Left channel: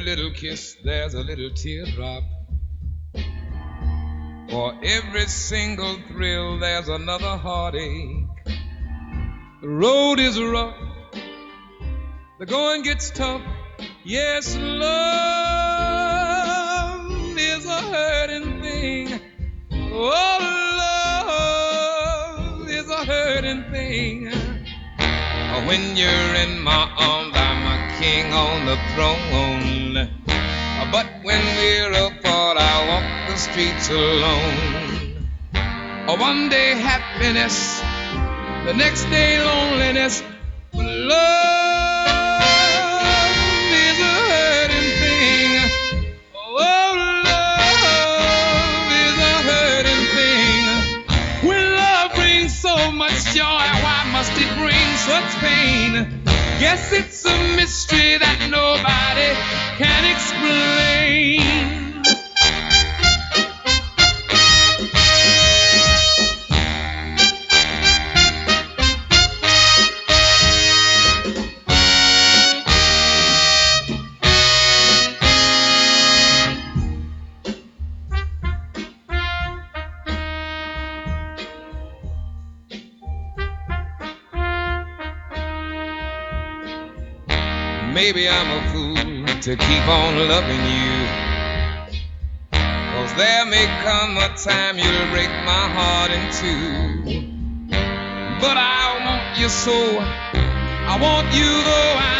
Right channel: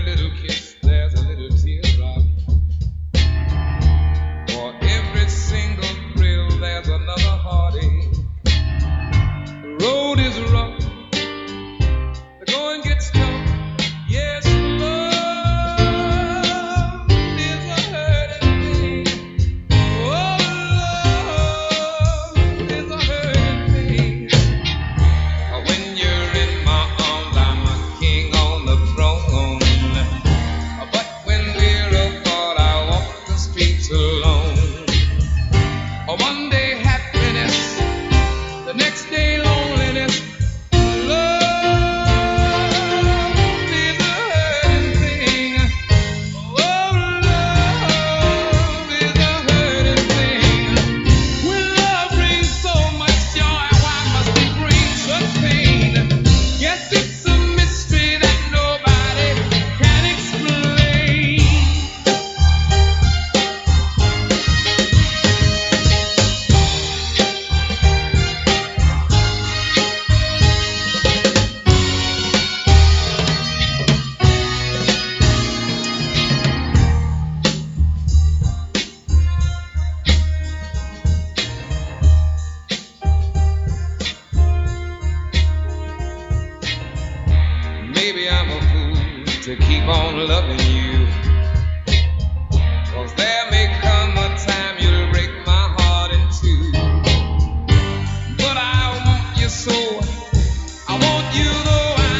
every little kiss there's a little teardrop. For every single thrill there's another heartache. The road is rough, the going gets tough. Yes, love is a hurting thing. Oh, love is a hurting thing. When you're in my arms, I'm a king on the throne. But when we're apart, I walk the streets alone. One day happiness, the next day loneliness. Love is a hurting thing. Oh, love is a hurting thing. When love brings so much joy, why must it bring such pain? Guess it's a mystery that nobody can explain. Maybe I'm a fool to keep on loving you, 'cause there may come a time you'll break my heart in two. But I want you so, I want you though I